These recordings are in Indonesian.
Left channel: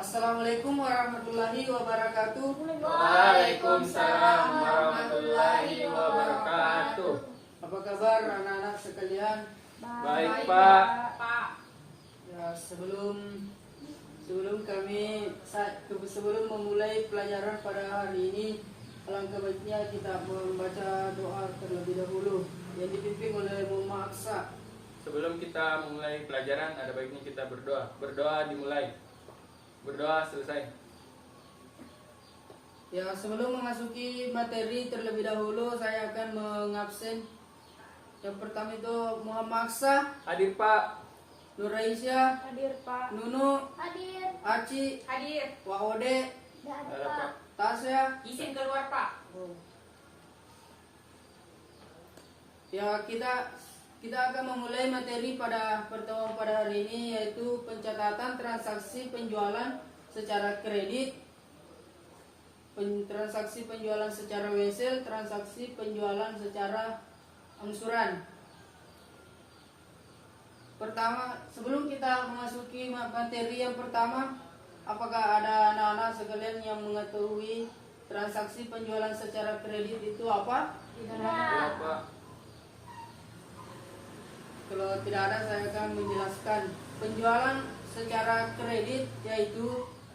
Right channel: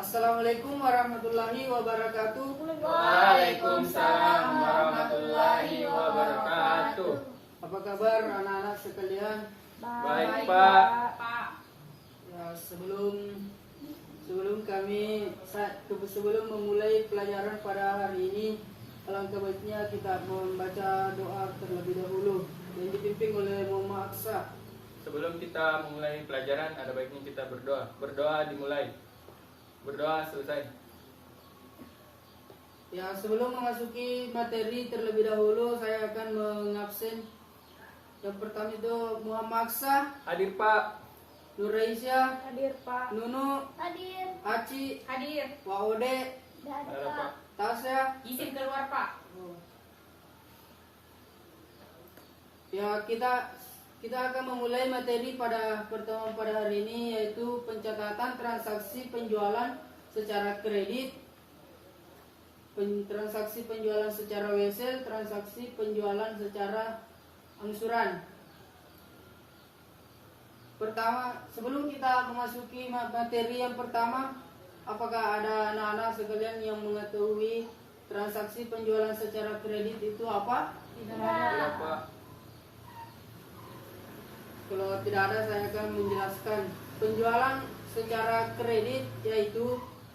Assalamualaikum warahmatullahi wabarakatuh. Waalaikumsalam warahmatullahi wabarakatuh. Apa kabar anak-anak sekalian? Baik, Pak. Ya, sebelum memulai pelajaran pada hari ini, alangkah baiknya kita membaca doa terlebih dahulu yang dipimpin oleh Muhammad Aksa. Sebelum kita memulai pelajaran, ada baiknya kita berdoa. Berdoa dimulai. Berdoa selesai. Ya, sebelum memasuki materi terlebih dahulu, saya akan mengabsen. Yang pertama itu Muhammad Aksa, Hadir, Pak. Nur Raisya, Hadir, Pak. Nunu, Hadir. Aci, Hadir. Waode, Ada, Pak. Tasya. Izin keluar, Pak. Ya, kita akan memulai materi pada pertemuan pada hari ini, yaitu pencatatan transaksi penjualan secara kredit, transaksi penjualan secara wesel, transaksi penjualan secara angsuran. Pertama, sebelum kita memasuki materi yang pertama, apakah ada anak-anak sekalian yang mengetahui transaksi penjualan secara kredit itu apa? Iya, Pak. Kalau tidak ada, saya akan menjelaskan. Penjualan secara kredit yaitu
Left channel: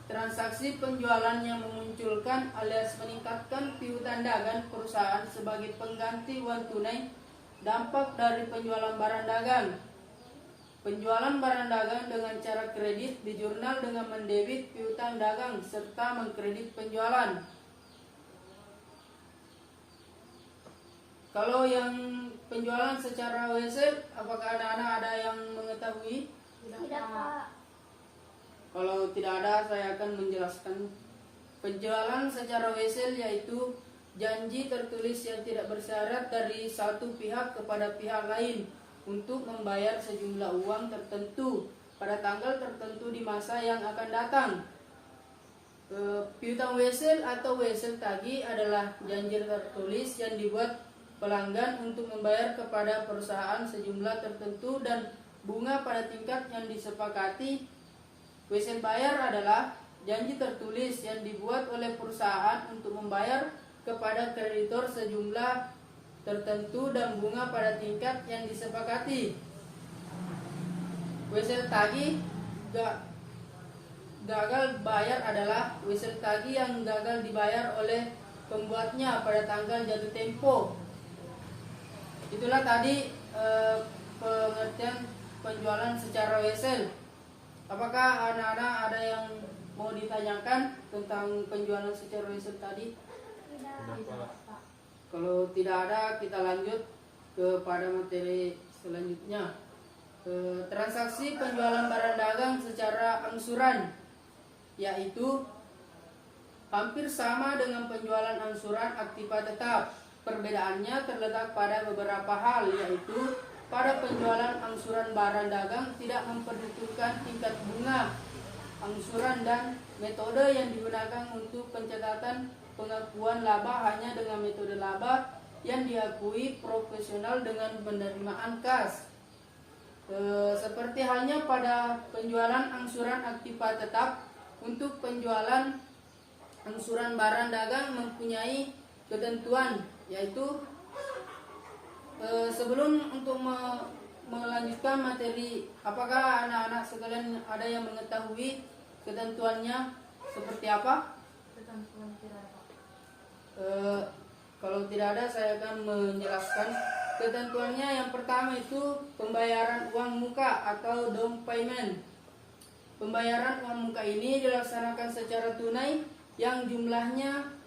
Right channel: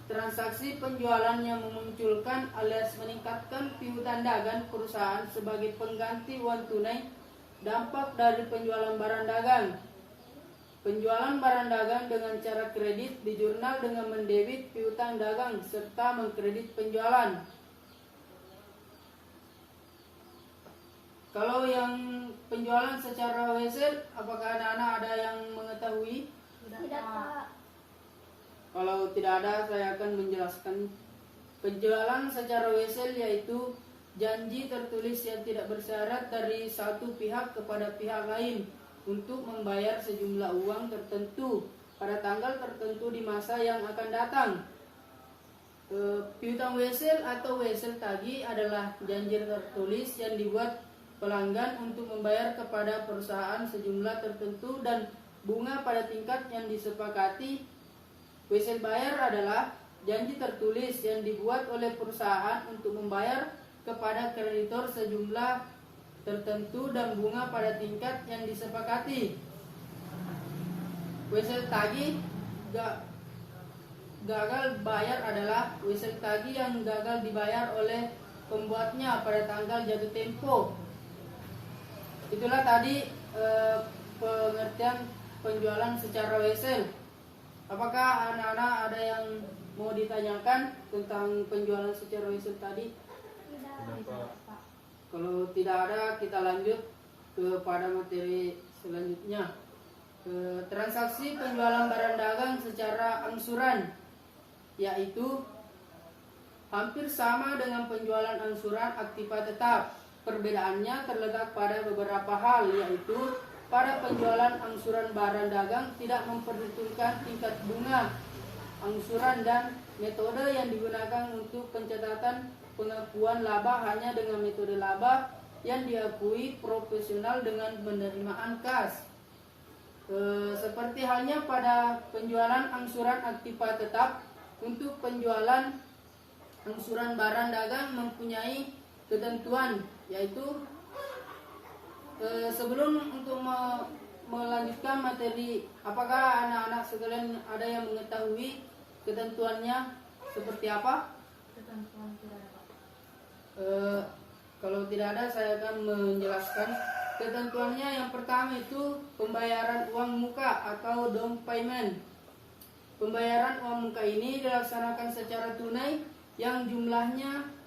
transaksi penjualan yang memunculkan alias meningkatkan piutang dagang perusahaan sebagai pengganti uang tunai, dampak dari penjualan barang dagang. Penjualan barang dagang dengan cara kredit di jurnal dengan mendebit piutang dagang serta mengkredit penjualan. Kalau yang penjualan secara wesel, apakah anak-anak ada yang mengetahui? Tidak, Pak. Kalau tidak ada, saya akan menjelaskan. Penjualan secara wesel yaitu janji tertulis yang tidak bersyarat dari satu pihak kepada pihak lain untuk membayar sejumlah uang tertentu pada tanggal tertentu di masa yang akan datang. Piutang wesel atau wesel tagih adalah janji tertulis yang dibuat pelanggan untuk membayar kepada perusahaan sejumlah tertentu dan bunga pada tingkat yang disepakati. Wesel bayar adalah janji tertulis yang dibuat oleh perusahaan untuk membayar kepada kreditor sejumlah tertentu dan bunga pada tingkat yang disepakati. Wesel tagih gagal bayar adalah wesel tagih yang gagal dibayar oleh pembuatnya pada tanggal jatuh tempo. Itulah tadi pengertian penjualan secara wesel. Apakah anak-anak ada yang mau ditanyakan tentang penjualan secara wesel tadi? Tidak, Pak. Kalau tidak ada, kita lanjut kepada materi selanjutnya. Transaksi penjualan barang dagang secara angsuran, yaitu hampir sama dengan penjualan angsuran aktiva tetap. Perbedaannya terletak pada beberapa hal, yaitu pada penjualan angsuran barang dagang tidak memperhitungkan tingkat bunga angsuran dan metode yang digunakan untuk pencatatan pengakuan laba hanya dengan metode laba yang diakui profesional dengan penerimaan kas. Seperti halnya pada penjualan angsuran aktiva tetap, untuk penjualan angsuran barang dagang mempunyai ketentuan, yaitu sebelum untuk melanjutkan materi, apakah anak-anak sekalian ada yang mengetahui ketentuannya seperti apa? Ketentuan tidak ada, Pak. Kalau tidak ada, saya akan menjelaskan ketentuannya. Yang pertama itu pembayaran uang muka atau down payment. Pembayaran uang muka ini dilaksanakan secara tunai yang jumlahnya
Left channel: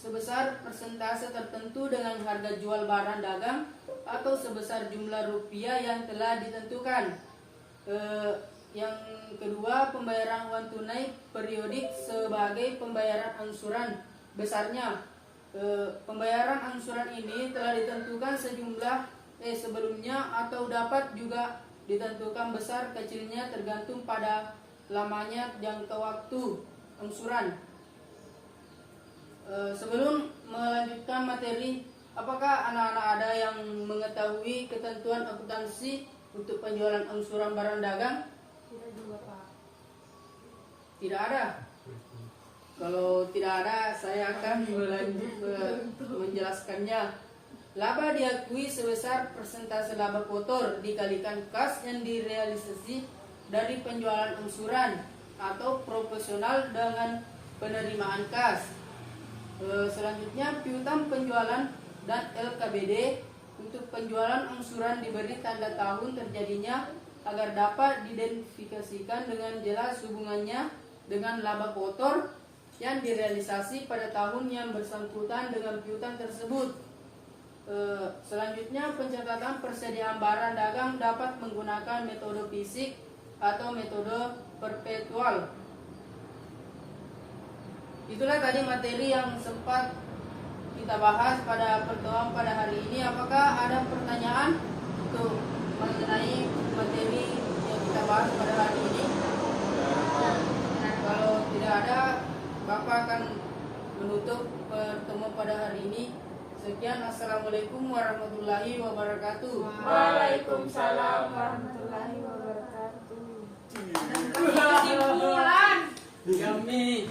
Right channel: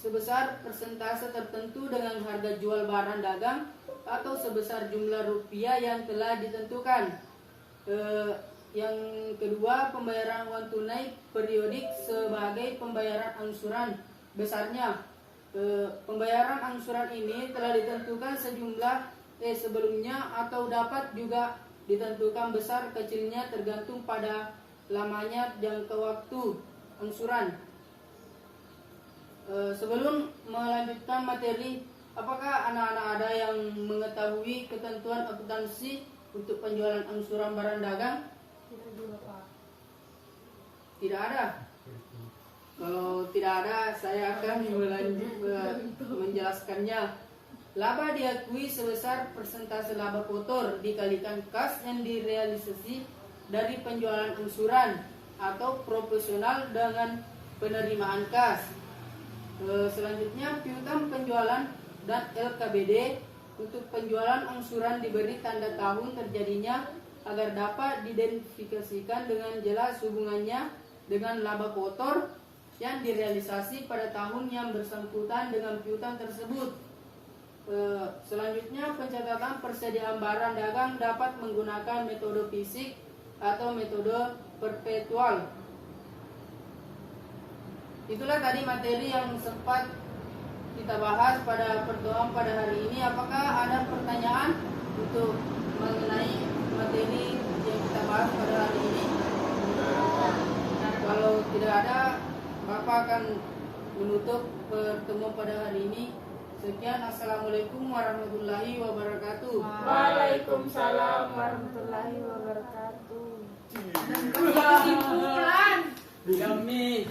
sebesar persentase tertentu dengan harga jual barang dagang atau sebesar jumlah rupiah yang telah ditentukan. Yang kedua, pembayaran uang tunai periodik sebagai pembayaran angsuran. Besarnya pembayaran angsuran ini telah ditentukan sejumlah sebelumnya atau dapat juga ditentukan besar kecilnya tergantung pada lamanya jangka waktu angsuran. Sebelum melanjutkan materi, apakah anak-anak ada yang mengetahui ketentuan akuntansi untuk penjualan angsuran barang dagang? Tidak juga, Pak. Tidak ada. Kalau tidak ada, saya akan menjelaskannya. Laba diakui sebesar persentase laba kotor dikalikan kas yang direalisasi dari penjualan angsuran atau proporsional dengan penerimaan kas. Selanjutnya, piutang penjualan dan LKBD untuk penjualan angsuran diberi tanda tahun terjadinya agar dapat diidentifikasikan dengan jelas hubungannya dengan laba kotor yang direalisasi pada tahun yang bersangkutan dengan piutang tersebut. Selanjutnya, pencatatan persediaan barang dagang dapat menggunakan metode fisik atau metode perpetual. Itulah tadi materi yang sempat kita bahas pada pertemuan pada hari ini. Apakah ada pertanyaan untuk mengenai materi yang kita bahas pada hari ini? Kalau tidak ada, Bapak akan menutup pertemuan pada hari ini. Sekian, assalamualaikum warahmatullahi wabarakatuh. Waalaikumsalam. warahmatullahi wabarakatuh. Kesimpulan kami.